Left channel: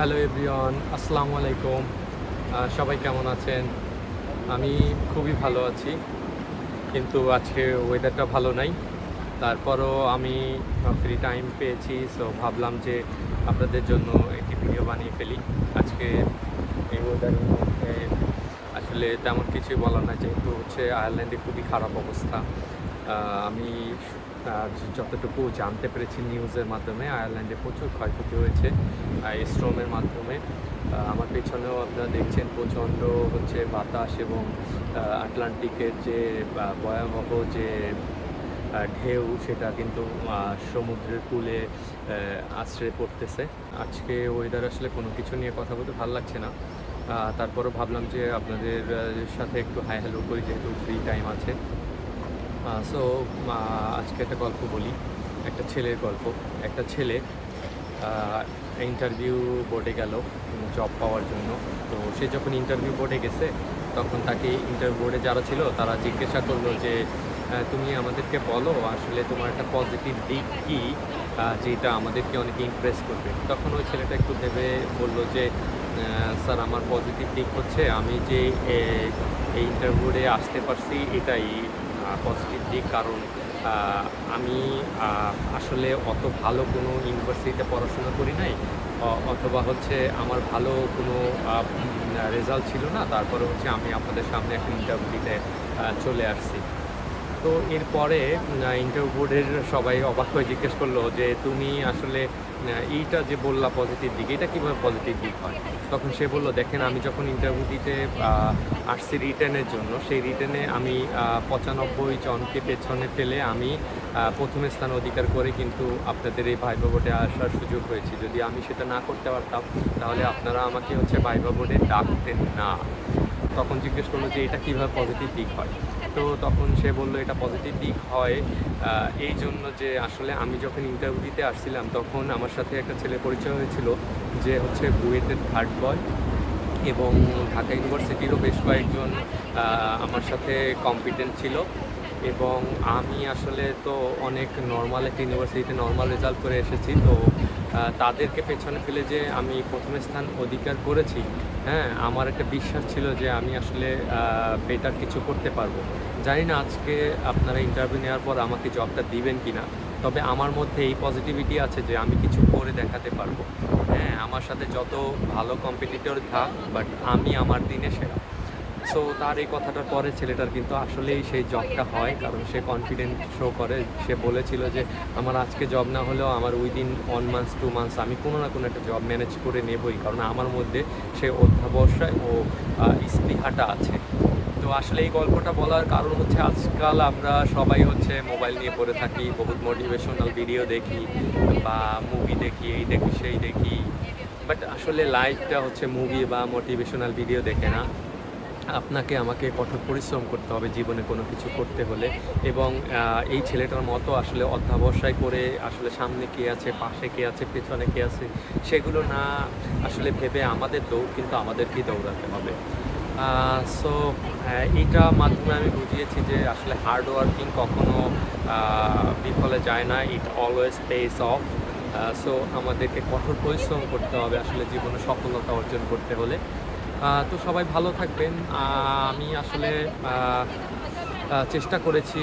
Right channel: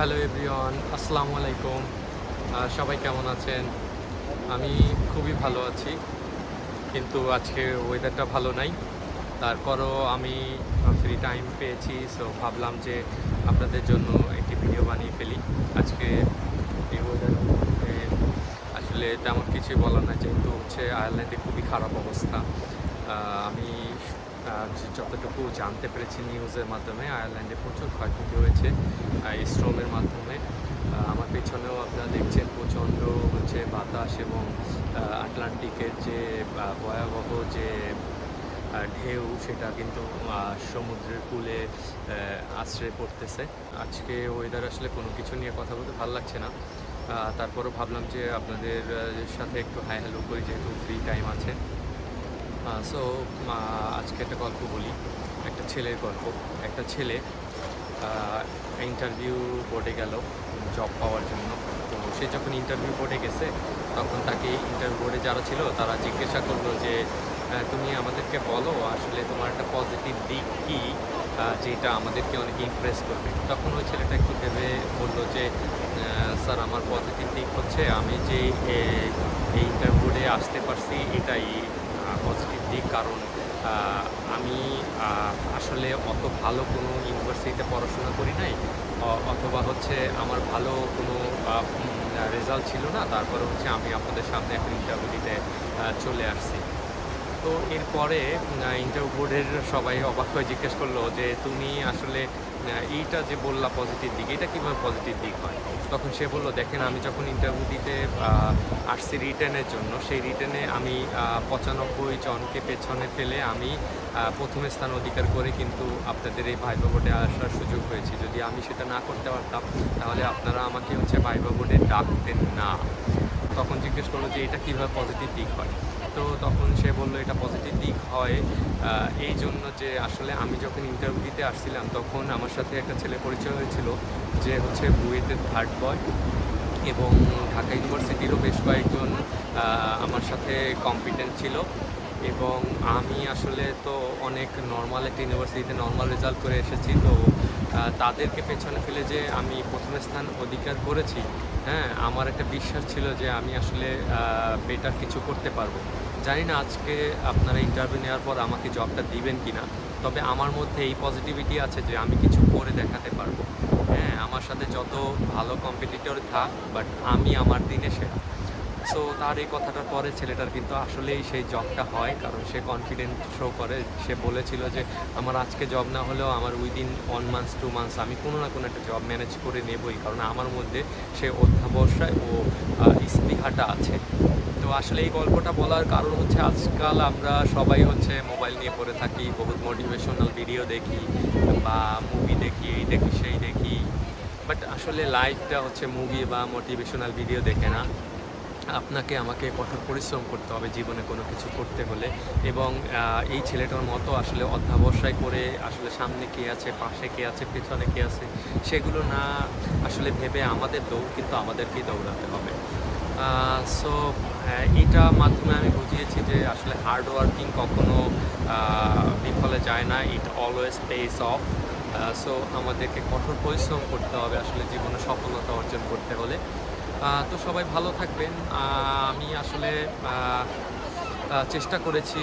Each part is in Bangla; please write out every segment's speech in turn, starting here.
হ্যালো এভরিওয়ান, আসসালামু আলাইকুম। সবাই কেমন আছেন? আমি খুবই ভালো আছি, কিন্তু আজকে ওয়েদারটা ভালো নাই। তারপরও আমি ফ্রি টাইম পেয়েছি, সো ভাবলাম যে আপনাদের জন্য একটি ভিডিও বানিয়ে ফেলি। আজকে এই ওয়েদারের মধ্যে আসলে তেমন কিছুই বলার না, যেহেতু হচ্ছে আয়ারল্যান্ডে খুবই খারাপ অবস্থা। আমি যতটুকু জানতে পেরেছি নিউজের মাধ্যমে, আয়ারল্যান্ডে প্রচুর ক্ষয়ক্ষতি হয়েছে এই স্ট্রমের মাধ্যমে। আমার পেছনেও আপনারা দেখছেন প্রচণ্ড হচ্ছে বাতাস এবং আটলান্টিকের যে ভয়াবহ যে ঢেউ, সেটা কিন্তু সমুদ্রের কূলে আছড়ে পড়তেছে। আজকে ওয়েদার আসলে কোনো কিছু নিয়ে কথা বলতে ভালো লাগছে না। তারপরও ভাবলাম যে আপনাদের সাথে একটু হাই হ্যালো করি, যেহেতু ফ্রি টাইম আছে। সো আজকে একটা গল্প বলি, একটা ছেলের গল্প। একটা ছেলে ইন্টারভিউ বোর্ডে গেল জব পাওয়ার জন্য। তো সে যখন ইন্টারভিউ বোর্ডে গেছে, তখন তাকে ইন্টারভিউ বোর্ডে যারা ছিল তারা জিজ্ঞাসা করলো যে তুমি আমাদেরকে বলো আসলে তোমার একটা পজিটিভ দিক কী, যেটা আমাদেরকে অনেকে ইমপ্রেস করবে। তখন ওই ছেলেটা একটু ভেবে বলল যে স্যার, আমার পজিটিভ দিক হচ্ছে আমি যে এই ইন্টারভিউ বোর্ডে আসতে পারছি, এটাই পজিটিভ দিক। কারণ আমি আসলে অত ভালো কোনো ইউনিভার্সিটিতে পড়াশোনা করি নাই, অথবা হচ্ছে আমার ভালো কোনো রেজাল্ট ছিল না, তারপরে হচ্ছে আমি আপনাদের সামনে এখন ইন্টারভিউ দিতে চলে আসছি। তো এরপরে ইন্টারভিউ বোর্ডের সবাই অবাক হয়ে জিজ্ঞেস করলো যে তুমি আসলে এইটা যে বললা পজিটিভ দিক, এটা কীভাবে পজিটিভ দিক হয়? তখন সে বলল, দেখেন, আমি যখন ইন্টারভিউ দিতে আসছি রিটেনের জন্য, সেই রিটেনে আমি 95 জনকে পেছনে ফেলে আমি প্রথম স্থান অধিকার করে কিন্তু আপনাদের এই ভাইভা বোর্ডে আসার সুযোগ হয়েছে। যদি আমি সেটা না করতে পারতাম, তাহলে আপনারা আমাকে হচ্ছে ভাইভা বোর্ডে ডাকতেন না। তখন জিজ্ঞেস করলো যে এটা কীভাবে পজিটিভ দিক হয়? তো তখন সে বলল এটা পজিটিভ দিক হয় এই জন্য যে আসলে আমি যখন ইন্টারভিউ দিতে আসছিলাম, তখন আমার সাথে একটা ছেলে পরিচয় হয়েছিল যে হচ্ছে বুয়েটের থার্ড বয়, এবং ঢাকা ইউনিভার্সিটিরও বেশ কয়েকজন আমার সাথে কম্পিটেন্ট ছিল। এবং আমি আসলে তো অনেক নর্মাল একটা ইউনিভার্সিটিতে নর্মাল রেজাল্ট করে এসেছি, তো তাদেরকে পেছনে ফেলে যে আমি প্রথম স্থান অধিকার করেছি, হ্যাঁ, আমার একটা বিশ্বাস ছিল যে আমি আসলে বেটার কিছু করতে পারবো। জানি না আজকে আপনারা ইন্টারভিউ নেওয়ার পর আমাকে জবটা দিবেন কি না, তবে আমার মধ্যে এই পজিটিভিটি আছে যে আমি কিছু করে দেখাতে পারবো। হ্যাঁ, আমার সাথে যত ভালো কম্পিটিটর থাক, বাট আমি আমার দিনে সেরা। সো তার এই কথাটার পরে ছেলেটার কিন্তু আসলেই সেই জবটা হয়, কারণ সে কনফিডেন্ট শো করে। সে বলেছিল যে আমার আজকে জব না হলেও আমার উইদিন 1 মান্থস 2 মান্থস আমি কোনো না কোনো একটা জব ম্যানেজ করে নেবই, কারণ আমার মধ্যে সে অধ্যাবসায় ও স্পৃহাটা আছে। তো আসলে এই গল্পটা বলার কারণ হচ্ছে আজকাল আমরা সবাই হচ্ছে মোবাইল নিয়ে পড়ে থাকি, বহুত মোটিভেশনাল ভিডিও দেখি বা মুভি দেখি, এই দেখি সেই দেখি, বাট আসলে লাইফটা হচ্ছে মুভি বা মোটিভেশনাল ভিডিও দেখে না। আপনাকে আমাকে কঠোর পরিশ্রম করতে হবে জীবনে কোনো কিছু করতে হলে, এবং এই ছেলেটার মতো আসলে অধ্যবসায় করে আসলে সামনে কে আছে, পাশে কে আছে, পেছনে কে আছে, সেগুলো না আসলে ভেবে আমাদের দৌড় কিন্তু আমাদেরকেই দৌড়াতে হবে। সো এইটা মাধ্যমে আমি বুঝিয়েছি যে আসলে হার্ড ওয়ার্কিং কখনো বিফলে যায় না, ইট অলওয়েজ পেস অফ। সো আমাদেরকে কঠোর পরিশ্রম করতে হবে আসলে জীবনে সফলতা অর্জন করতে হলে। তো সবাই ভালো থাকবেন। আমি আসলে চেষ্টা করেছি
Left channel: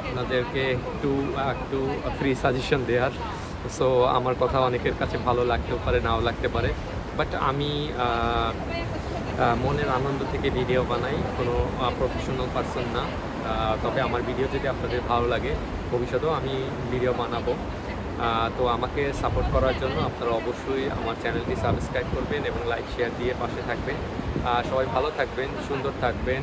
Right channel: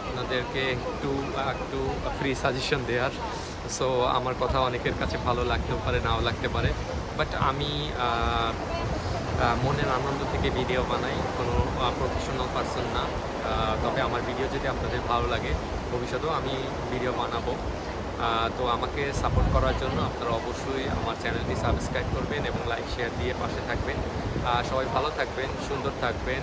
আপনাদেরকে একটু একটু ফ্রি সাজেশন দেওয়ার। সো আমার কথা অনেকের কাছে ভালো লাগতেও পারে, নাও লাগতে পারে, বাট আমি মনের আনন্দ থেকে ভিডিও বানাই, কোনো প্রফেশনাল পারসন না। তবে আমার ভিডিও যদি আপনাদের ভালো লাগে, ভবিষ্যতেও আমি ভিডিও বানাবো। তো আমাকে সাপোর্ট করার জন্য আপনারা অবশ্যই আমার চ্যানেলটি সাবস্ক্রাইব করবেন এবং লাইক শেয়ার দিয়ে পাশে থাকবেন। সবাই ভালো থাকবেন, সুন্দর থাকবেন,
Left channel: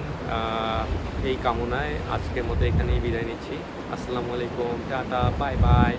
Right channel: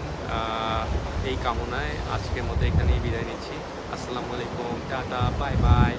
এই কামনায় আজকের মতো এখানেই বিদায় নিচ্ছি। আসসালামু আলাইকুম, টাটা, বাই বাই।